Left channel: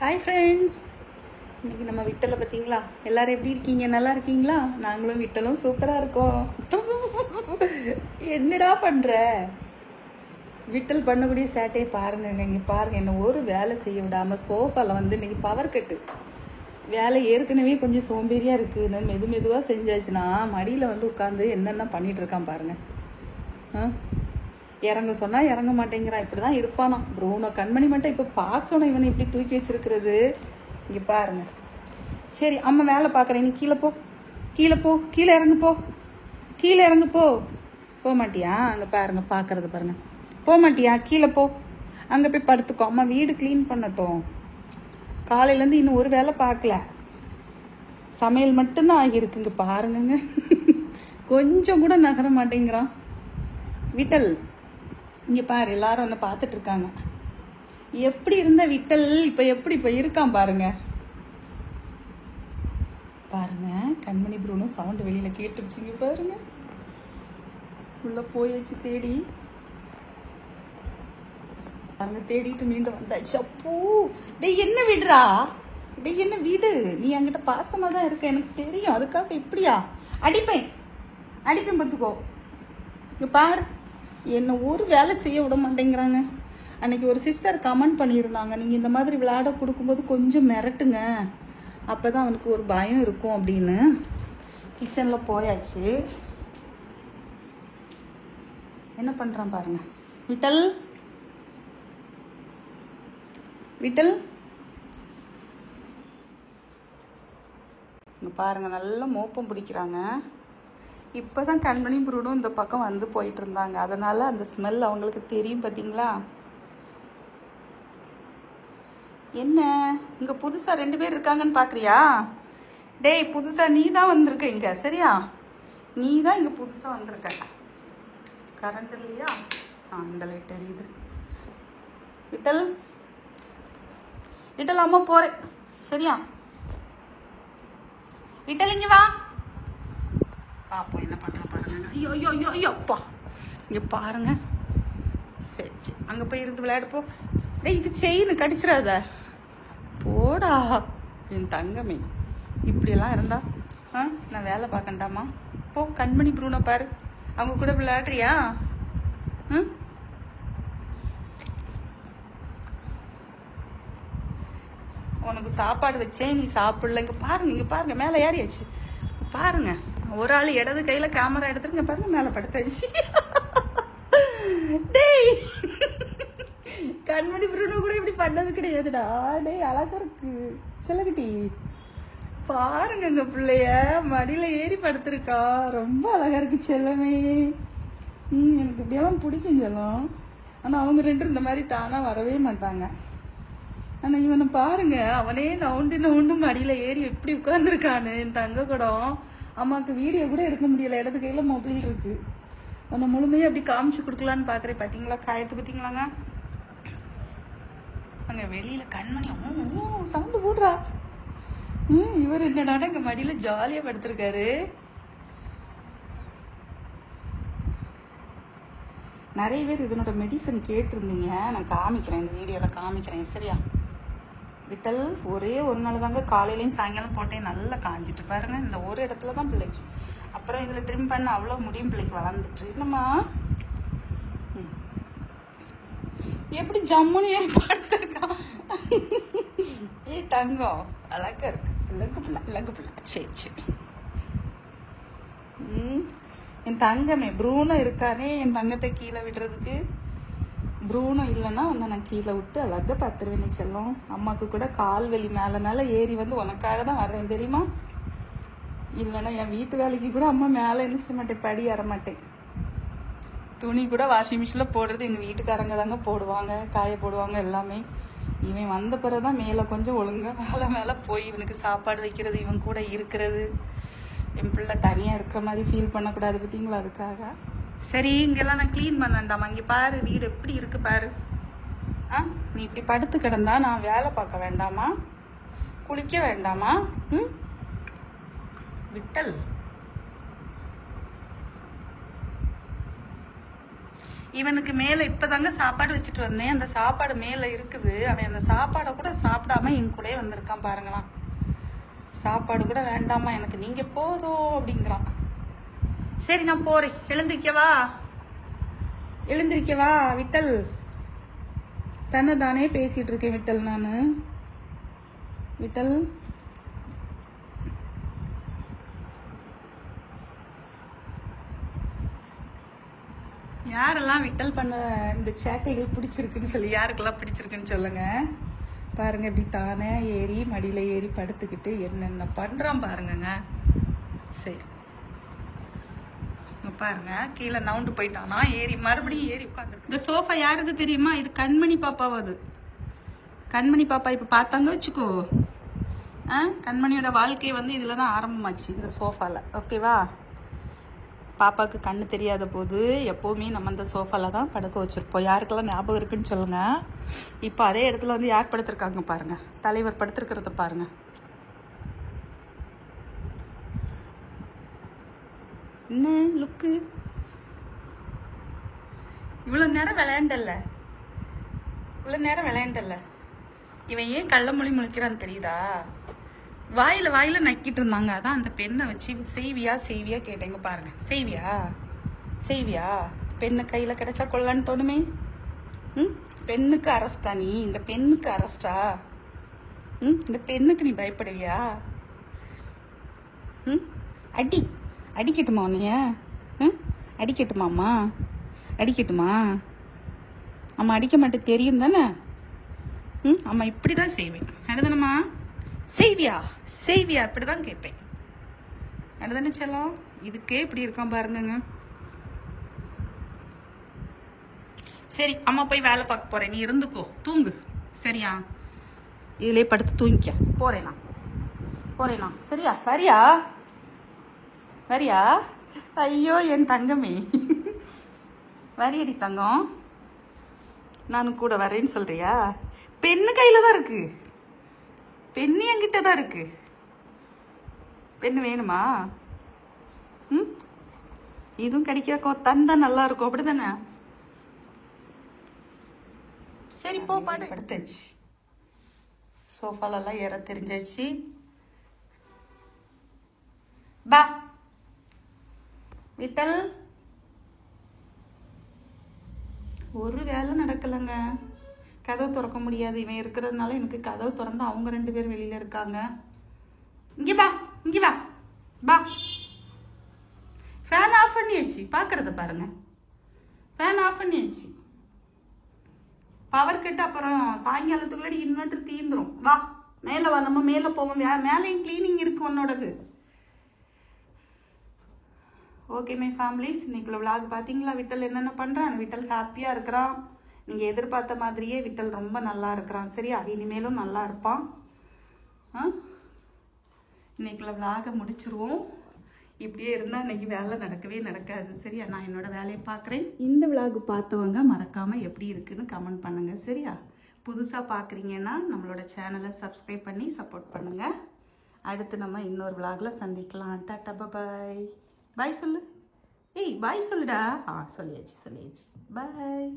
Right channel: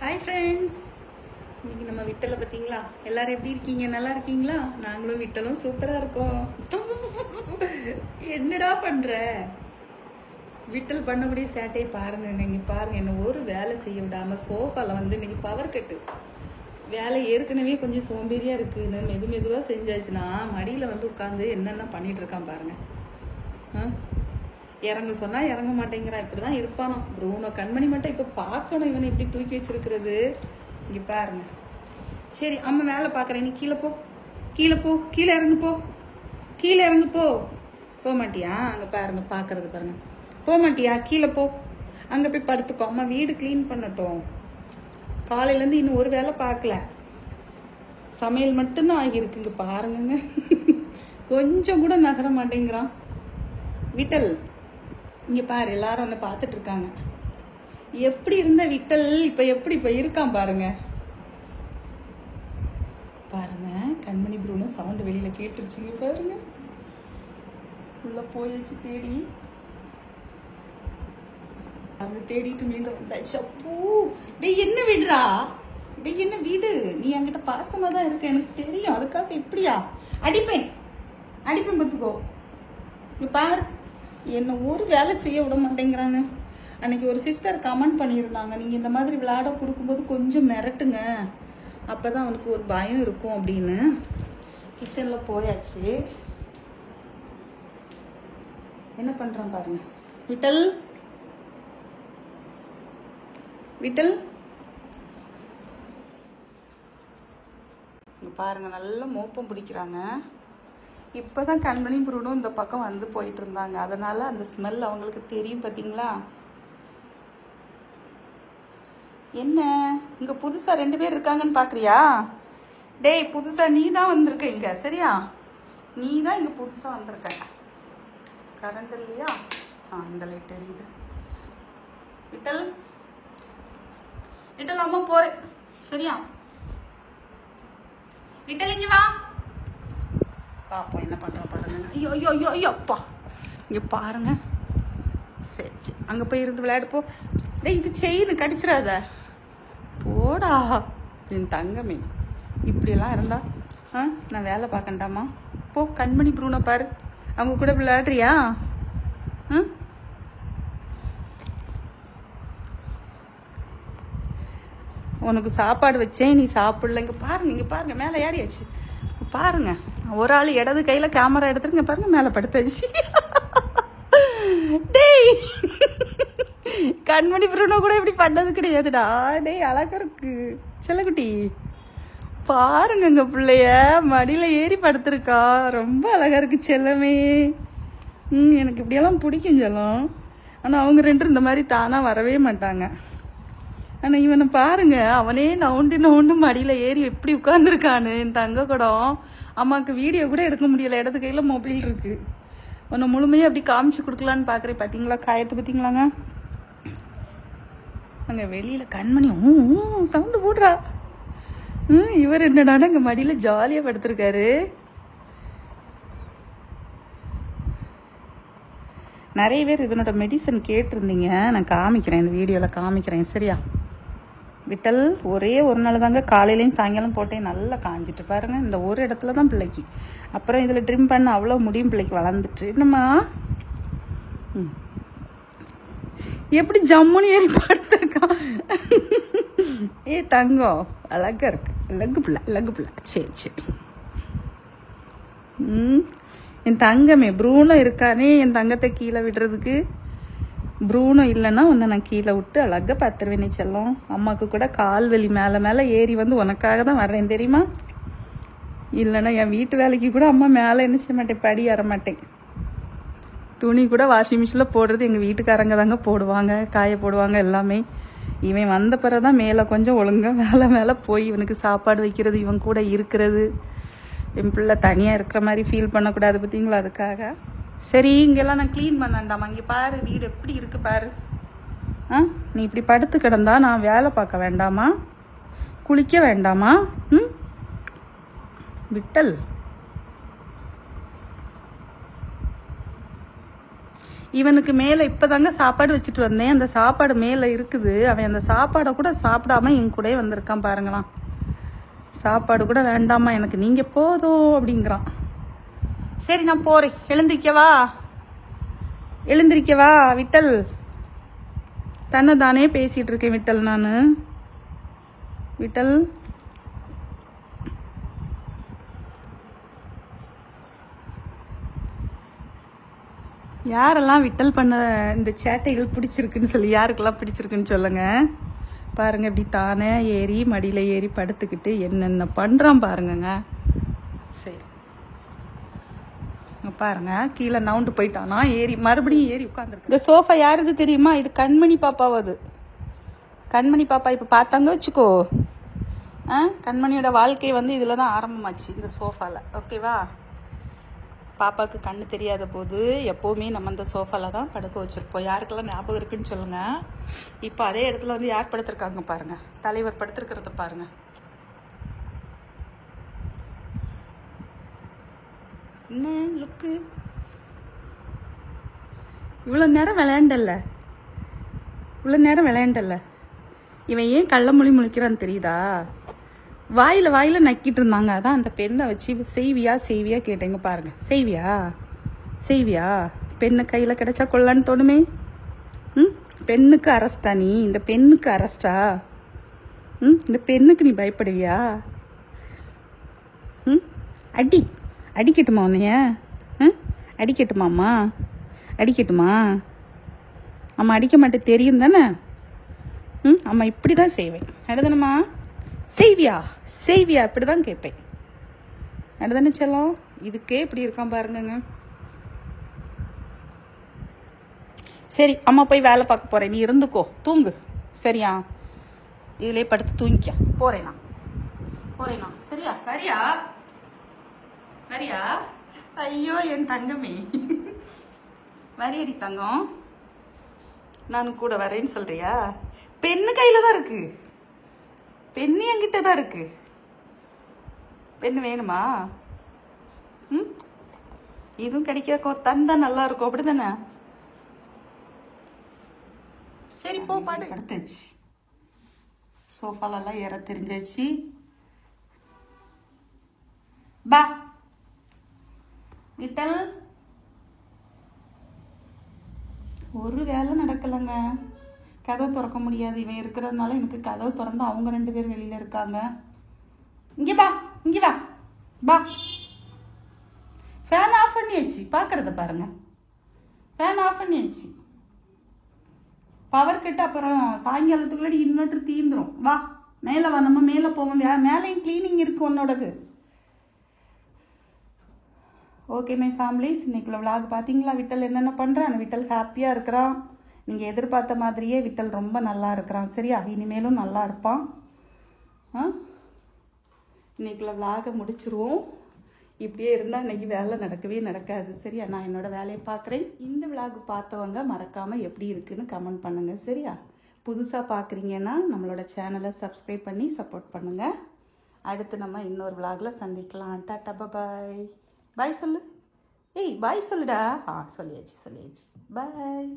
Hi friends, இன்னைக்கு நம்ம விட்டலை பார்த்தீங்களா? எல்லாரும் எப்படி இருக்கீங்க? நல்லா இருக்கீங்களா? நாங்களும் விட்டலும் சூப்பராக இருக்கோம். என்னடா பண்ணுற? விட்டல் பண்ணக்கூடிய சேட்டை பாருங்க. நீங்கள் பாருங்கள், என்ன ஒரு வேலை செய்ய விடாமல் சோஃபாவில் வந்து இன்னைக்கு பவர் கட்டு. வேலை ஏற்கனவே கொஞ்சம் சோம்பேறியாக இருக்குது. நான் மெதுவாக செஞ்சாச்சுன்னா மடியில் வந்து உட்காந்து என்னென்ன பண்ணிட்டு இருக்கான் பாருங்கள். இறங்க சொன்னால் இறங்க மாட்டேங்கிறான். இப்படி தான் இருப்பானா ப்ரூனோ. கண்மணி மட்டும் இப்போ பார்க்கணும் இவனை இப்படி தூக்கி வச்சிருக்கிறது. இங்கே பாருங்க. சரி, அம்மா வேலை பார்க்குறேன், நீ கீழே போ, கீழே போ, கீழே இறங்கு போ, கீழே இறங்கு போ. போக மாட்டியா? அங்கே பாருங்க, பார்க்கறது பாருங்க. போக மாட்டியா? கீழே போ, அங்கே போய் படுத்துக்கோ. அம்மா வீடு க்ளீன் பண்ணட்டும். காலையிலேருந்து இன்னும் ஒரு வேலை பார்க்கல, சமையல் மட்டும்தான் ஆகியிருக்குங்க. பாருங்க, கொஞ்சம் கூட நகர மாட்டேங்கிறான் விட்டல். இங்க பாரு, எல்லாரும் என்ன பார்த்துட்டு இருக்காங்க. எப்படி இருந்த விட்டல் இப்ப இருக்கான் பாருங்க. பாருங்க, கண்மணி ப்ரூனோ சவுண்ட் வெளியில கேட்டுருச்சுங்க. பாருங்க, உள்ள போயிடுச்சு தேடி. அவங்க தேடிட்டு மீண்டும் வந்தாச்சு. அப்பூ, டேய் என்ன விடுறா? டேய் என்ன வீடு? நீ என்கிட்ட பாசமா தான் இருக்க, எனக்கு தெரியும். அதுக்காக இப்படியா? அடிப்பேன் பார்த்துக்கோ. இங்க பாரு, என்ன ஒரு வேலை செய்ய விட மாட்டேங்கிறாங்க. அன்னைக்கு ஒரு சிஸ்டர் கமெண்ட் பண்ணியிருந்தாங்க, நீங்கள் இந்த மாதிரி விளையாட கொடுக்கும்போது கொஞ்சம் மிரட்டுங்க, அப்போ தான் அவனுக்கு ஒரு பயம் இருக்கும் அப்படின்னு. கிச்சனில் போயாச்சு. என்ன பண்ணுறான் பாருங்க. விட்டல் விட்டல் இங்கே பாருங்க, நல்லா மோப்பம் பிடிக்கிறாங்க. இப்போதான் கண்மணி ப்ரூனோ இந்த பக்கம் வந்து போயிட்டு இருந்தாங்க, அதனால அந்த ஸ்மெல் அவங்களுக்கு தெரியும். பார்த்தீங்களா? என்ன இங்க புதுசா 2 பேர் இருக்காங்கன்னு பாக்குறியா? டேய், புதுசா நீ தான் வந்திருக்க இங்க, சரியா? நீ தான் இங்க புதுசா வந்திருக்க. கரண்ட் இல்லையா? இந்த லைட் எரியுது. விட்டல் விட்டல், அம்மா போறேன், சரியா? விட்டல் இங்க வா. பாப்போம் என்ன பண்றோம் பாருங்க. ஐயோ ஐயோ ஐயோ ஐயோ அப்பா, இங்க பாருங்க. சரி, அங்க போய் இருந்து விளையாடு போ. டேய், இது செயின் கடிச்சிடாத, போடா என் தங்கமே. இப்படியெல்லாம் இருந்தா நான் வேலை பார்க்கண்டாமா? போ, கண்மணி ப்ரூனோ பாரு, அவங்க கூட விளையாடுறியா? உனக்கு சாப்பாடு வச்சேன், நீ சாப்பிடல. இங்க பாருங்க மேலே ஏறியாச்சு. பாருங்க, ஒரு ஆள் இடது கையில கேமரா எடுத்துருங்க. பாருங்க, மேல படுத்தாச்சு. டேய், கண்மணி ப்ரூனோ கூட இப்படி பண்ணது கிடையாதுடா. டேய், அழகா இருக்கு செல்லக்குட்டி. பாருங்க, எங்க பிள்ளைய மடியில ஏறி படுத்திருக்கா. ரொம்ப அழகா இருக்கு செல்லமே. எனக்கு இப்படியெல்லாம் பிடிக்கும் செல்லம். ஆனா அவங்க 2 இந்த மாதிரி தானா வரவே மாட்டாங்க. ஆனா இவனை பாருங்க, அவனே நவுண்டு மடியில ஏறி எப்படி உட்கார்ந்துருக்கானு. என் தங்க கூடம். அம்மாவுக்கு வீடியோ கூட எடுக்க முடியல, இடது கையில மொபைல் இருக்கு. உன்னை முழுமையாக அப்படி காமிச்சு கொடுக்கலான்னு பாக்குறேன். பாத்தீங்களா காயத்தை? பார்த்தீங்களாங்க? அங்க வெளியில கண்மணி சவுண்டு போடுறா. இவர் என்னடா அங்க மடியில ஜாலியா படுத்திருக்காரு. நிறைய பேர் இதனோட மெடிசன் கேட்டிருந்தீங்க, நான் காமிக்கிறேன், இந்த வீடியோல காமிக்கிறேன், சரியா? விட்டல் ஒரே ஒரு நாள் தாங்க, காலையிலையும் சாயங்காலம் போட்டேன், நல்லா காஞ்சிட்டு. பாருங்க, இந்த ஒரு இடத்துல தான் பிள்ளைக்கு. அப்புறம் இதில் ட்ரிம் பண்ண அவ்வளோ முடியும் பிள்ளைக்கு வளர்ந்துட்டு. என்னம்மா எப்படி ஜம்முனி ஏறி படுத்திருக்கான். ஏ தங்கம், அழகா இருக்கு. லகு பிள்ளை. சரி. என் தங்கமே ப்ரூனோ இருக்கானே, என் தங்கத்தை கீழே விடுறதுக்கு. ப்ரூனோ இல்லைன்னா உன்னை நான் கீழே விட்டு அழகா பார்த்துருவேனே செல்லம். அம்மாவுக்கு கூட கால் வலி மேலே ஏறி வந்து உனக்காக தான் வர்றேன், தெரியுமா? இல்லைன்னா என் வீட்டு வேலைக்கு கூட அம்மா மேலே என்ன செய்ய மாட்டேன், படி ஏற மாட்டேன். துணி கூட வாஷிங் மிஷினில் போடுறது எங்கள் வீட்டுக்காரங்க தாங்க போடுவாங்க, காய போடுவாங்க எல்லாமே. இவன் வந்த பிறகுதான் மேலே கொஞ்சம் ஒழுங்காக மேலே போய் இவனுக்கு சாப்பாடு வைக்கிறது, இவன் கூட இருக்கிறது. என் பிள்ளை தனியாக இருக்கிற மாதிரி ஃபீல் பண்ணக்கூடாது, பார்த்தீங்களா? அதுக்காக. சரி, இங்கெல்லாம் நான் க்ளீன் பண்ண வேண்டாமா? இங்கே பாரு, வீடு எப்படி இருக்கு பாரு. நீ இப்படி படுத்து கிடந்தா நான் வேலை பார்க்க வேண்டாமா? குளிக்க வேண்டாமா? விட்டல், இவனுக்கு மேலே இப்போதாங்க சாப்பாடு வச்சுட்டு வந்தேன். அந்த சாப்பாடு மேலே இருக்குது. அவன் அந்த சாப்பாடை கூட சாப்பிடாம என் கூட வந்திருக்கான் பாருங்களாம். சாப்பாடு கூட வேண்டாமா எனக்கு, நீங்கள் போதும் அப்படிங்கிறான். சரி நான் போகிறேன். எழுந்திரிக்கவா விட்டல்? தன்னை தானே பேசிகிட்டு இருக்கேன் விட்டல். நான் விட்டல் யாரெல்லாம் விட்டல் பண்ண இந்த சேட்டைகள் பிடிச்சிருக்குன்னு சொல்லி, யாருக்கெல்லாம் பிடிச்சிருக்குன்னு சொல்லுங்க. பாருங்க இப்படி தானே ஏறி மடியில் ஏறி படுத்துக்கிட்டு என்னென்ன பண்ணுறான் பாருங்கங்க. சரி பாருங்க, கீழே நவுண்டு போயிட்டானா, ஏறி மறுபடியும் ஏறி உட்காந்துருக்கு. இந்த சோஃபா யாருக்கு தெரியுமா? இது கண்மணி பாப்பாவது. கண்மணி பாப்பா இப்போ பார்த்தாங்க வச்சுக்கோ. கண்மணியோட வாழ்க்கை வந்து இதில் தான் ஆரம்பமாச்சு, இந்த சோஃபாவில். ஓகேவா? பாப்பாவுக்கு கண்ணு தெரியாத போது எப்போவுமே நம்ம இந்த சோஃபாவில் தான் படுக்க வச்சுருப்போம். யாருக்கெல்லாம் ஞாபகம் இருக்குன்னு சொல்லுங்கள். இப்போ அதே இடத்துல வந்து யார் படுத்துருக்காங்க பாருங்கள், தலைவர் படுத்துருக்கிறத பாருங்கள். என்ன லுக்கு? இவ்வளோ நேரம் விளையாண்டல்ல, இவன் ஏன் கள்ள மொழி முழிக்கிறான்னு தெரியுதா? வாயில் நக்கிட்டு இருந்தாங்க. அதான் அந்த பெண்ணை வச்சு செய்வியா கேட்டேங்க பாருங்க. செய்வியா பெண்ணு கையில் கிடைச்சா கொள்ளன்னு தோணுமே. பெண்ணுக்கு அரெஸ்டா நீ? இந்த பெண்ணுக்கு அரெஸ்டா? இந்த பெண்ணுக்கு நீ பயப்படுவியா? அடிக்கட்டுமா உன்னைய? அடிக்கட்டுமாம்மா? அடிக்கட்டுமா? அம்மா அடிக்க மாட்டேன் தெரியும் தானே. அம்மா இப்படி தான் செய்வேன். அடுதானம்மா? செய்வியா இப்படி தான் கேட்பேன். அடுதானே செல்லம்? இதுக்கே இப்படி இருக்கான் பாருங்கங்க. சரி அம்மா போய் வேலை பார்க்க போகிறேன், நீ இருந்துக்கோ, தூங்கு. சரியா? இதிலே படுத்து தூங்கிக்க. போறேனா சரியா? வரியா? ஐயோ என் தங்கமே, வரியடி தங்கம். நானும் கூட வரேன்னு சொல்றியா? பெண்ணு கையில தான் இருக்கு, பெண்ணு என்கிட்ட தான் இருக்கு. பெண்ணு வேணுமா? இதுவும் கிடைக்க தந்தா நல்லா இருக்கும், அப்படிதானே? சரி போ, பாட்டு எடுத்துச்சு. சோஃபாலெல்லாம் ஏற தெரிஞ்சாச்சு. பா விட்டல், ஒரு வேலை நடக்கலைங்க. கதவு திறக்க முடியாது, இவன் இருக்கிறதுனால. எனக்கு கதவு திறந்து அவங்க 2 பேர் வெளியில இருக்காங்க. இங்கே வா. ஃபேன் ஆஃப் பண்ணியாச்சு, பார்க்கறத பாருங்க. ஃபேன் ஆஃப் பண்ணியாச்சு. பவர் கட் அப்புறம் சாயங்காலத்துக்குள்ளே இன்வெர்டர் தீந்துரும். வா மேலே வா, நம்ம மேலே போவோம். மேலேயும் கிளீனிங் இருக்கு உன்னோடது. ஓகே மை ஃபேமிலிஸ், இன்னைக்குள்ள விளாக் பார்த்தீங்களா? விட்டல் என்னென்ன பண்ணுறான்? விட்டல் ஹாப்பியாக இருக்கிறான். நீங்கள் எதிர்பார்த்த மாதிரியே விட்டல் ரொம்ப நல்லா இருக்கிறான். சரியா? இனிமேலும் நல்லா இருப்பான். இன்னைக்குள்ள விளாகை முடிச்சிருவோம். இப்படியே இருந்தால் இன்னைக்கு வேலை நடக்காது. சரியா? நான் என்னோட வேலையை பார்க்குறேன். இந்த விளாக் பார்த்தவங்க மறக்காமல் எப்படி இருக்குன்னு கமெண்ட் பண்ணுங்கள். சரியா? புதுசாக பார்க்குறீங்கன்னா நம்மளோட சேனலை சப்ஸ்கிரைப் பண்ணி சப்போர்ட் பண்ணுங்கள். அடுத்து நம்ம இன்னொரு விளாகில் சந்திக்கலாம். டாட்டா பாய். பாய் சொல்லு. பாய் சொல்லுடா. சொல்லியாச்சு. பாய்.